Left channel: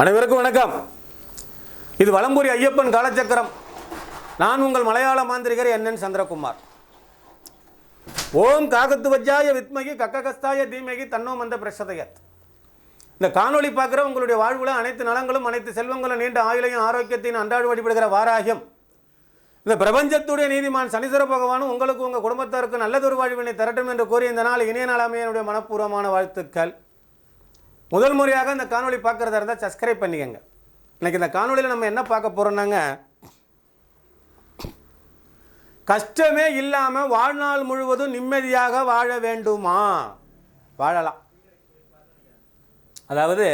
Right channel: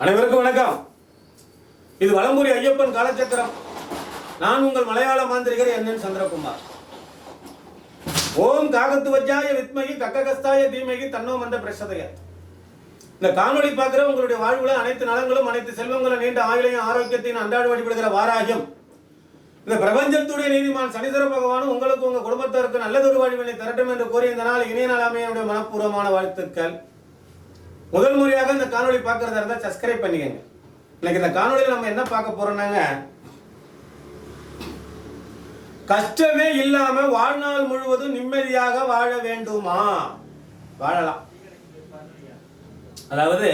அனைவருக்கும் வணக்கம். இது வலம்புரி ஐயப்பன் காலச்சக்கரம். நான் உங்கள் மலையாள மாந்திரிகர் என் என் சந்திரகுமார். ஓம் காகத்து வஜ்ஜாய வித்மகி கக்ககஸ்தாய தீமகி தன்னோ மந்த பிரசதைய. இந்த காணொளி பார்க்குற உங்களுடைய வாழ்வுல அனைத்து நலங்களும் அனைத்து செல்வங்களும் நீண்ட ஆயுளையும் ஆரோக்கியத்தையும் அன்றாட வழிபடுகிற வாராகியம். இந்த பிரபஞ்சத்துடைய நீதிமான் சனீஸ்வர பகவானும் உங்களுக்கு உங்க குடும்பத்தாருக்கு நல்லதொரு வாழ்வினை தரட்டும் என்று கூறி இந்த நாள் இணைய நாளாமையுடைய மனப்பூர்வமான வாழ்த்துக்கள். முதல் முறையாக இந்த காணொளி பார்க்கறதா இருந்தால் சப்ஸ்கிரைப் பண்ணிக்கங்க. இன்னைக்கு இந்த காணொளியில் நம்ம என்ன பார்க்க போறோம்னாங்க? கஷ்டமே இல்லாம வாழ்நாள் முழுவதும் நிம்மதியாக வாழ வேண்டுமா? வாழலாம். அதாவது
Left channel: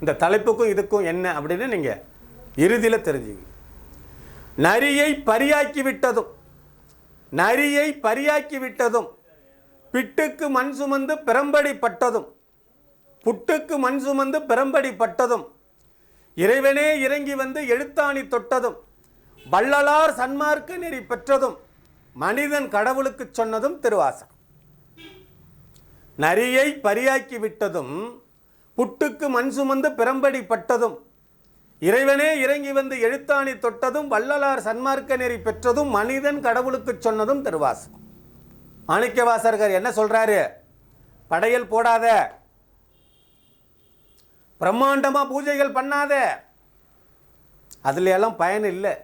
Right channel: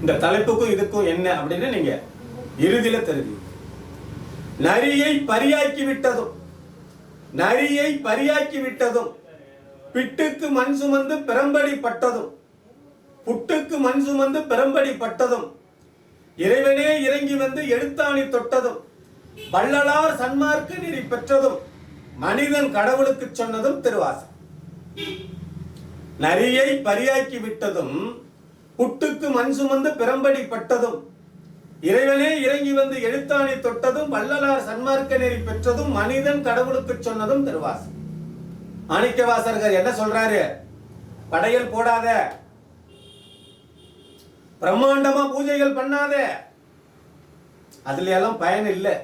இந்த தலைப்புக்கும் இதுக்கும் என்ன அப்படின்னு நீங்க இறுதியில தெரிஞ்சு நரியை பரியாக்கி விட்டதும் நரியை பரியாக்கி விட்டதும் பிட்டுக்கு மண் சுமந்து பெரம்படி பட்டதும் புட்டுக்கு மண் சுமந்து பெரம்படி பட்டதும் இறைவனே இறங்கி வந்து எழுத்தாணி தொட்டதும் வள்ளலார் சன்மார்க்க நெறி பெற்றதும் மனிதன் கடவுளுக்கு சொன்னதும் திருவாசம் நரியை பரியாக்கி விட்டதும் புட்டுக்கு மண் சுமந்து பெரம்படி பட்டதும் இறைவனே இறங்கி வந்து எழுத்தாணி தொட்டதும் வள்ளலார் சன்மார்க்க நெறி பெற்றதும் மனிதன் கடவுளுக்கு சொன்னதும் திருவாசம் மாணிக்கவாசர்கள் என்ன சொல்றாரு? படையல் போடாத பிரம்மாண்டமா பூஜைகள் பண்ணாத. அதுல எல்லாம் பயன் இல்லை.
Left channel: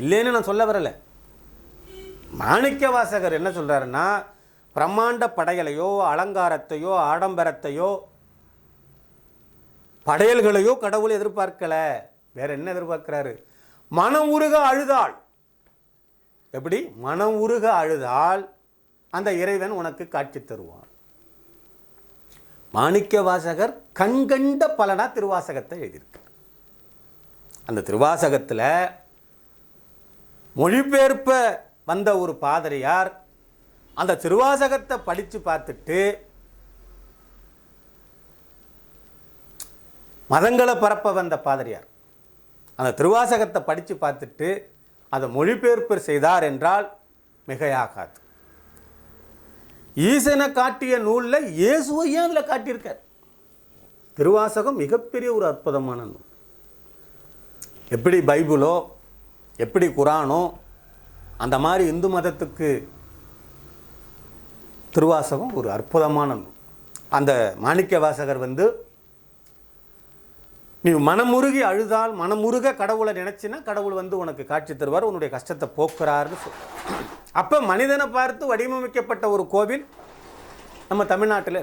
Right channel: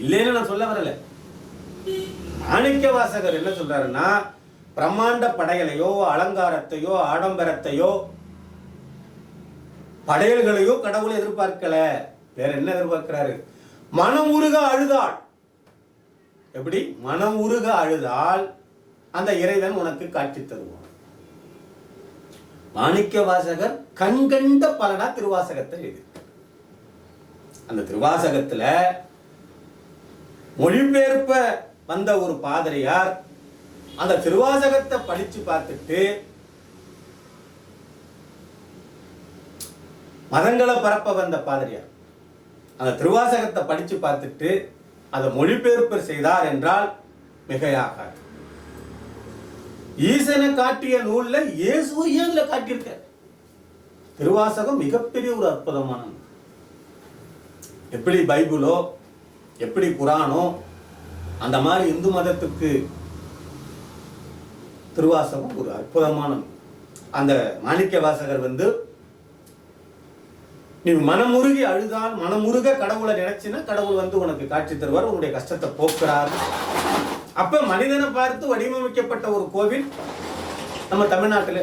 இல்லைன்னு நான் சொல்ல வரல. மாணிக்க வாசகர் என்ன சொல்றாருன்னா பிரம்மாண்ட படைகளையோ அலங்காரத்தையோ ஆடம்பரத்தையோ படையல்களையோ கடவுள் எதிர்பார்க்கல. வேற என்ன எதிர்பார்க்கிறாரு? மனம் உருக அழுதாள். எப்படி? மனம் உருக அழுதால் அந்த இறைவன் உனக்கு காட்சி தருவான். மாணிக்க வாசகர் கண்கண்ட பலனா திருவாசகத்தை எழுதியிருக்கார். அந்த திருவாசகத்தில் மொழிபெயர்ப்ப வந்த ஒரு பாதிரியார் அந்த திருவாசகத்தை படித்து பார்த்துட்டு மதங்களை பரப்ப வந்த பாதிரியார். அந்த திருவாசகத்தை படித்து பார்த்துட்டு அதை மொழிபெயர்ப்பு செய்தார் என்றால் மிகையாகாது. ஈசனை காட்டிய நூல்ல இயேசுவை ஏன் அதுல காட்டியிருக்க திருவாசகம் மிகப்பெரிய ஒரு அற்புதமான எப்படி பைபிளோ எப்படி குரானோ அந்த மாதிரி இந்து மதத்துக்கு திருவாசகம் ஒரு அற்புதமான அந்த மாணிக்க வாசகர் வந்து நீ மனமுருகி அழுதால் மனமுருக கடவுளை நினைச்சினா கடவுள் வந்து உனக்கு காட்சி தருவார் உன்னுடைய கஷ்டத்தை போக்குறாரு. அப்ப மனிதனை பார்த்து வடிவமைக்கப்பட்ட ஒரு கோவில் நம்ம தமிழ்நாட்டில்.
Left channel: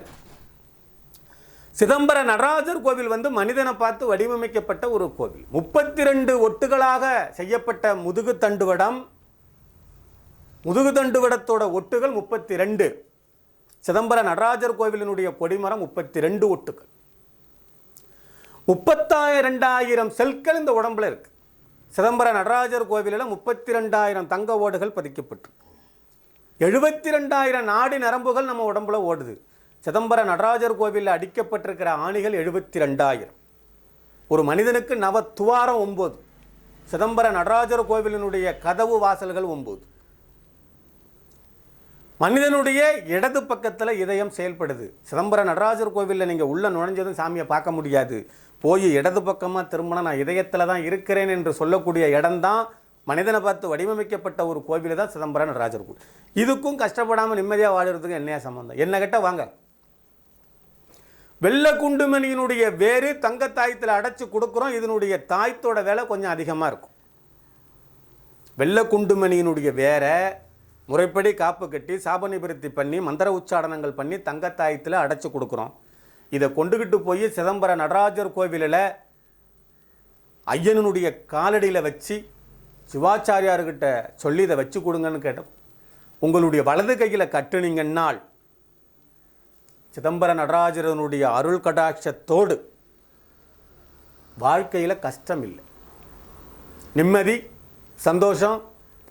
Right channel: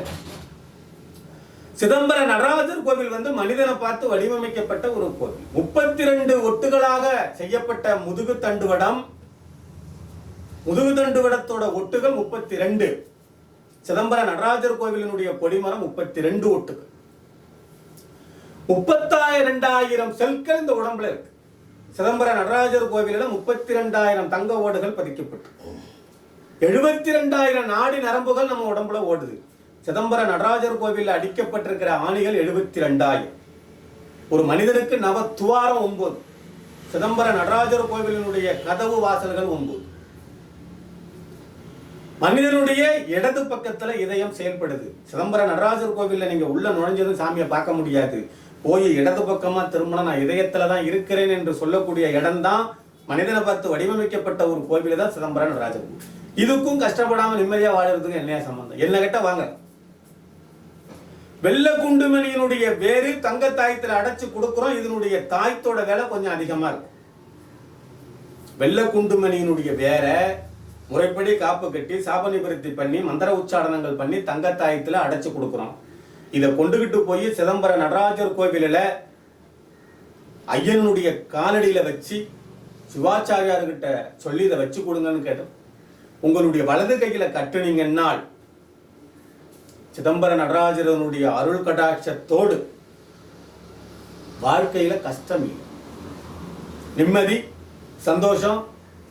சிதம்பர நடராஜர் கோவில் வந்து மனிதனை பார்த்து வடிவமைக்கப்பட்ட ஒரு கோவில். முப்பத்தி ரெண்டு ஒட்டுகளாக செய்யப்பட்ட முதுகு தண்டுவடம் முதுகு தண்டுவடத்தோட ஒட்டுகள் முப்பத்தி ரெண்டு சிதம்பர நடராஜர் கோவிலினுடைய கொடிமரம் முப்பத்தி ரெண்டு ஒட்டுகள். முப்பத்தாயிரண்டாயிரம் செல்கள் இந்த உடம்புல இருக்கு. சிதம்பர நடராஜர் கோவிலில் முப்பத்தி ரெண்டாயிரம் தங்க ஓடுகள் பதிக்கப்பட்டு. எழுபத்தி ரெண்டாயிரம் நாடி நரம்புகள் நம்ம உடம்புல ஓடுது. சிதம்பர நடராஜர் கோவிலில் அடிக்கப்பட்டிருக்கிற ஆணிகள் எழுபத்தி ரெண்டாயிரம் ஒரு மனிதனுக்கு நவ துவாரம் ஒன்பது. சிதம்பர நடராஜர் கோவிலினுடைய கதவு வாசல்கள் ஒன்பது. மனிதனுடைய இடது பக்கத்தில் இதயம் செயல்படுது. சிதம்பர நடராஜர் கோவிலில் நீங்கள் உள்ள நுழைஞ்சதும் சாமியை பார்க்க முடியாது. போய் இடது பக்கமாக திரும்பினா நான் இதயத்தில் தான் இருக்கிறேன் என்று சொல்லக்கூடிய இடம்தான் மனிதனை பார்த்து வடிவமைக்கப்பட்ட ஒரு கோவில் தான் சிதம்பரம் நடராஜர் இதுக்கும் கஷ்டப்படாமல் நிம்மதியாக வாழறதுக்கு என்ன சம்பந்தம்? என்ன கிட்ட வாங்க. வெள்ள குண்டுமணியினுடைய வேறு தங்க தாயத்தில் அடைச்சு கொடுக்குறோம். இதனுடைய தாயத்தோட வேலை கொஞ்சம் அதிகமாக இருக்கும். வெள்ள குண்டுமணியினுடைய வேற முறைப்படி காப்பு கட்டி சாப நிவர்த்தி பண்ணி மந்திர உச்சாடனங்கள் பண்ணி தங்கத்தாயத்தில் அடைச்சு கொடுக்குறோம். இதை கொண்டுகிட்டு போய் சிதம்பர நடராஜர் கோவிலில் ஐயனுடைய காலடியில் வச்சு சிவாச்சாரியார்கிட்ட சொல்லி இதை வச்சு கொடுங்கன்னு கேட்டோம். உங்களுடைய வலது கையில் கட்டுனீங்கன்னால் சிதம்பர நடராஜரனுடைய அருள் கடாட்சத்தோடு வாழ்க்கையில் கஷ்டம் இல்லை. நிம்மதி சந்தோஷம்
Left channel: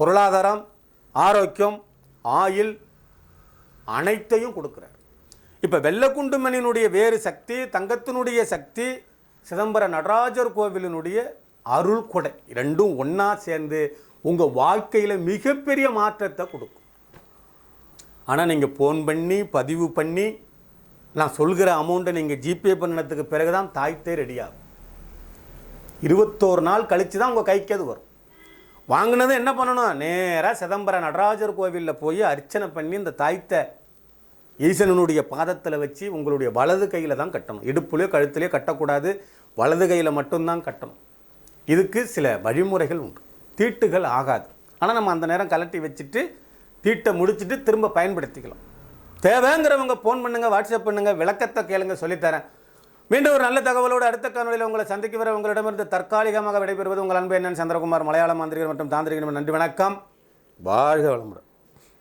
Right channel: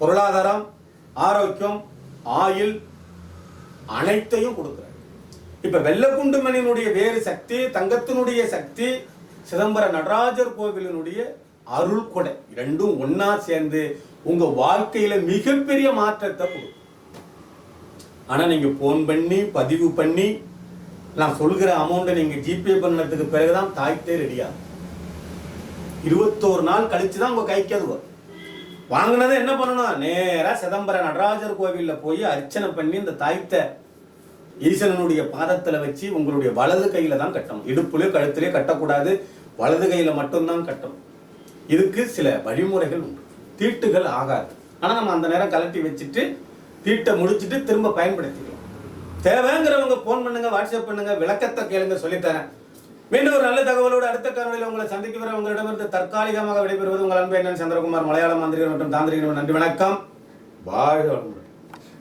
பொருளாதாரம் ஆரோக்கியம் ஆயில் அனைத்தையும் கொடுக்குறேன் இப்போ வெள்ளக்குண்டுமணியினுடைய வேறு சக்தி தங்கத்தினுடைய சக்தி சிதம்பர நடராஜர் கோவிலினுடைய அருள் கொடை ரெண்டும் ஒன்னா சேர்ந்து உங்க வாழ்க்கையில மிகப்பெரிய மாற்றத்தை கொடுக்கும். ஆனா நீங்க போன் பண்ணி பதிவு பண்ணி நான் சொல்கிற அமௌண்ட்டை நீங்கள் ஜிபே பண்ணதுக்கு பிறகு தான் தாய்த்தே ரெடியாகும் இருபத்தோரு நாள் கழிச்சு தான் உங்கள் கைக்கு அது வரும். வாங்கினதை என்ன பண்ணணும்? நேராக சிதம்பர நடராஜர் கோவிலில் போய் அர்ச்சனை பண்ணி இந்த தாய்த்தை ஈசனுடைய பாதத்தில் வச்சு உங்களுடைய வலது கையில் தான் கட்டணும். இடுப்புலையோ கழுத்துலையோ கட்டக்கூடாது. வலது கையில் மட்டும்தான் கட்டணும். இதுக்கு சில வழிமுறைகள் உண்டு. தீட்டுகள் ஆகாது. ஆனால் நம்ம அந்த நேரம் கலட்டி வச்சுட்டு தீட்டை முடிச்சுட்டு திரும்ப பயன்படுத்திக்கலாம் தேவைங்கிறவங்க ஃபோன் பண்ணுங்கள் வாட்ஸ்அப் பண்ணுங்கள் விளக்கத்தை கேளுங்க சொல்லித்தரேன் மீண்டும் ஒரு நல்ல தகவலோடு அடுத்த காணொலியில் உங்களை சந்திக்க வர உங்களிடமிருந்து தற்காலிகமாக விடைபெறுவது உங்கள் அன்பு என்னன் சந்திரகுமார் மலையாள மாந்திரிகர் மற்றும் தாந்திரிகர் நன்றி வணக்கம். வாழ்க வளமுடன்.